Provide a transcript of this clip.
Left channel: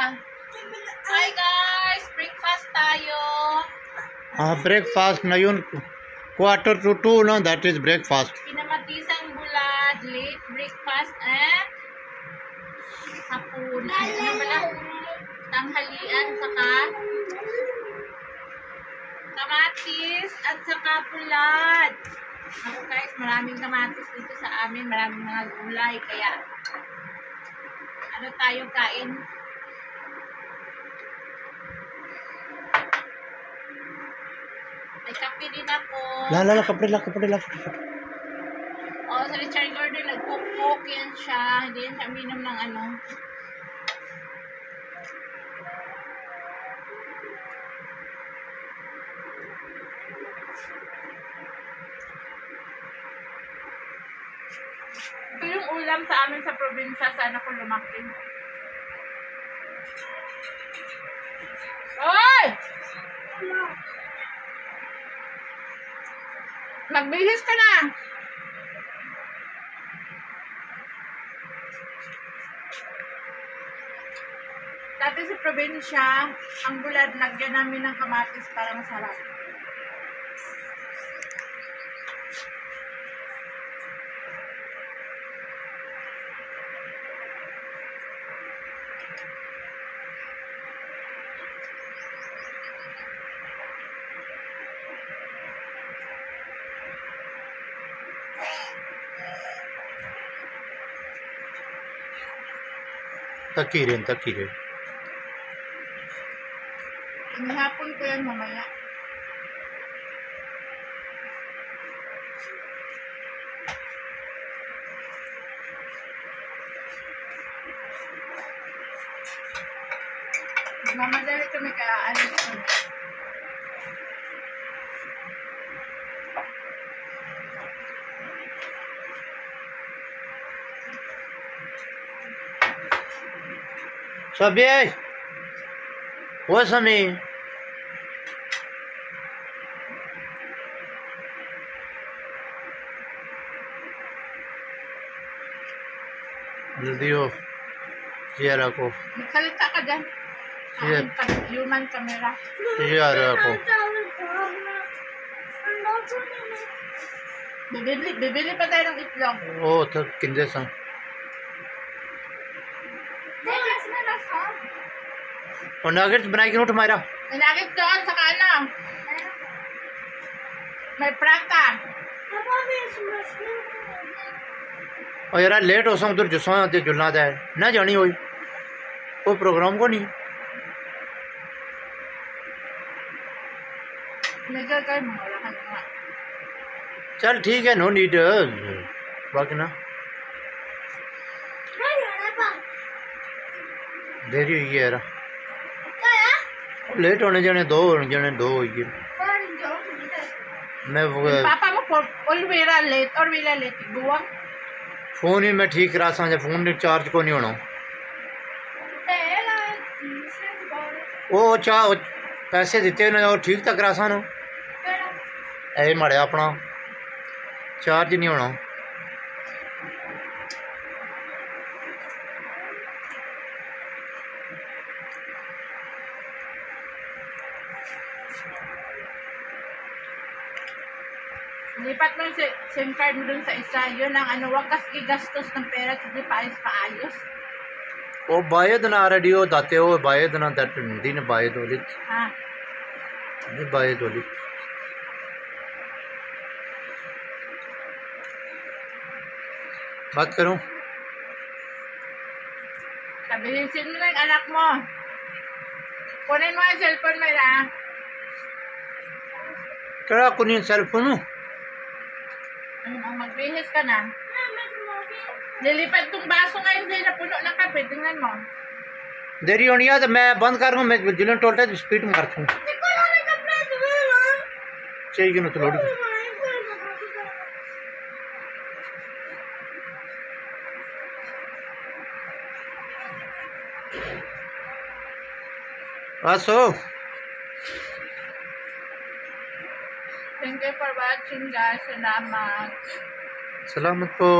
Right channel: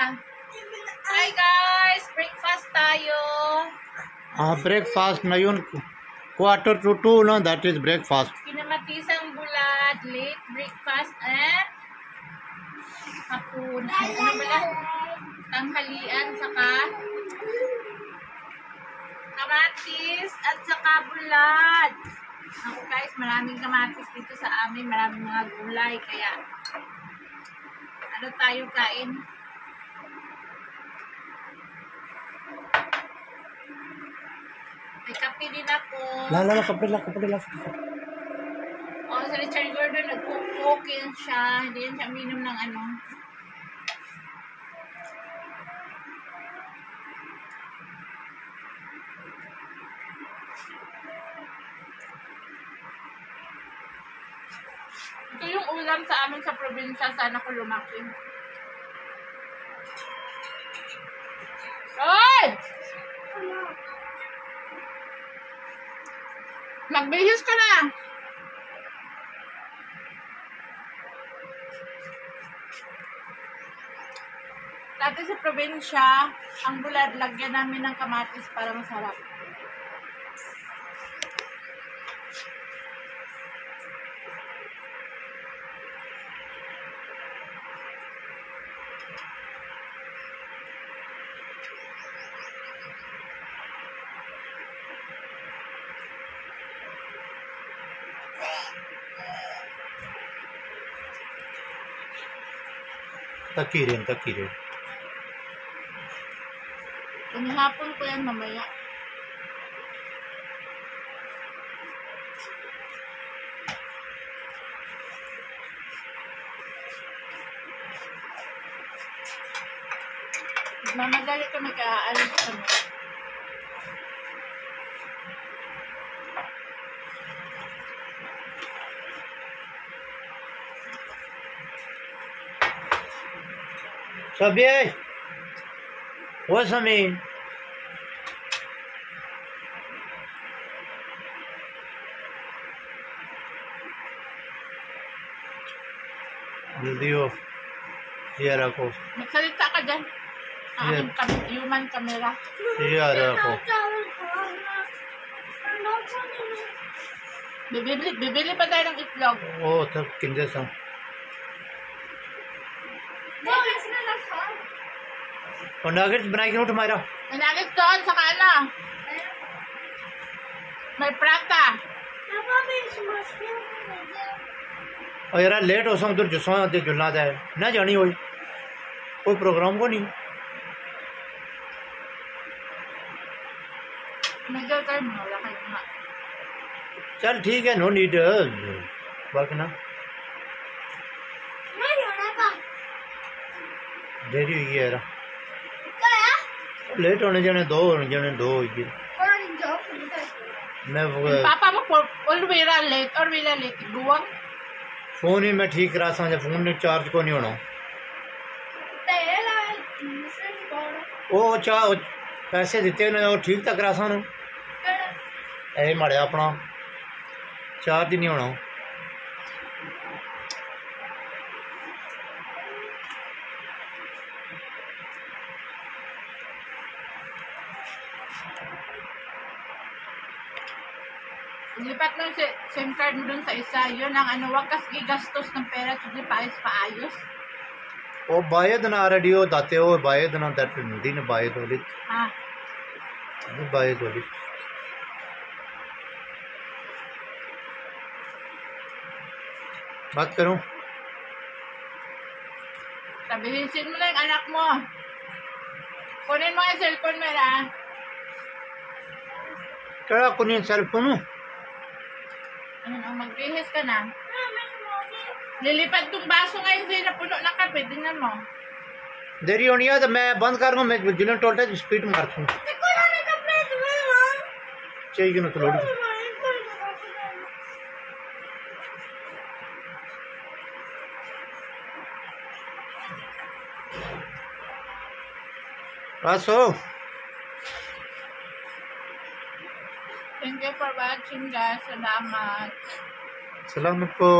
Hi guys! Breakfast tayo. Breakfast ngayon, 1:45 na, that is breakfast. Kinamatisang bulad, late breakfast and hapon. Ano pala? Tanghalian, saka kamatis at saka bulad. Ako guys, maraming kamatis dito sa amin, maraming mga gulay, kaya ano tayo kain? May kape din ako. Kapre. Oh, sa Richard Gordon, nag-cook yan siya. Hindi yan siya uminom ng ano. Ito yung ulam sa amin sa probinsya. Sana ko lumaki. Oy! Magbihis ka na! Dati sa probinsya, ang bulad, lagyan namin ng kamatis para masarap. Takirin. Panihapon ko yan mamaya. Mamadali kami kaya alis kami. Sabi, what's me? Video, share ako. Magsalita ka dyan. Yeah. Human camera. Share ako. Bibili pa tayo ng itlog. Oh, tak kindesan. और नगेट्स बना के उठ मारा May nuggets doon sa kana. May prata. और यार लेट हो सम उधर जुस्सा दे जुलना दे ना जानी होई कोई प्रोग्राम को नहीं Medyo kayo mga wala kayo nga. चल ठीक है नो नीड बाकी ना देरी हुई है यार लेट होने जाने दो हो गए मैं Papa mo alwira late or wila late. Buwang. Phone ही मैं ठीक करा सा फोन ने चार्ज को नहीं होना वो पैसे दिते ने और ठीक तक करा सा ना ऐ माड़े अपना चार्ज नहीं होना Lipat mo yung SIM card mo dun sa isa. Yun ang ano, wag kas gigastos ng pera at hindi paayos. वो बायद ना रेडियो दाते हो बायद ना दैट दिन बायद होलित Ha? ये बायद होलित बात करूं Sabihin mo na yung anak mo. Kunin mo yung cellphone mo na. कड़ा कुनी cell phone Ayun, ang magbihis ka na. Lilipad tong baso ngayon sa'yo na puno ng kape. Tingnan mo. देरी होनी है तो मैं बंद कर दूं मैं जिलन टोलता है स्पीड मार दूं चाहिए ना तो लोड़ी आसो Thank you for watching guys. Salamat. Salamat po.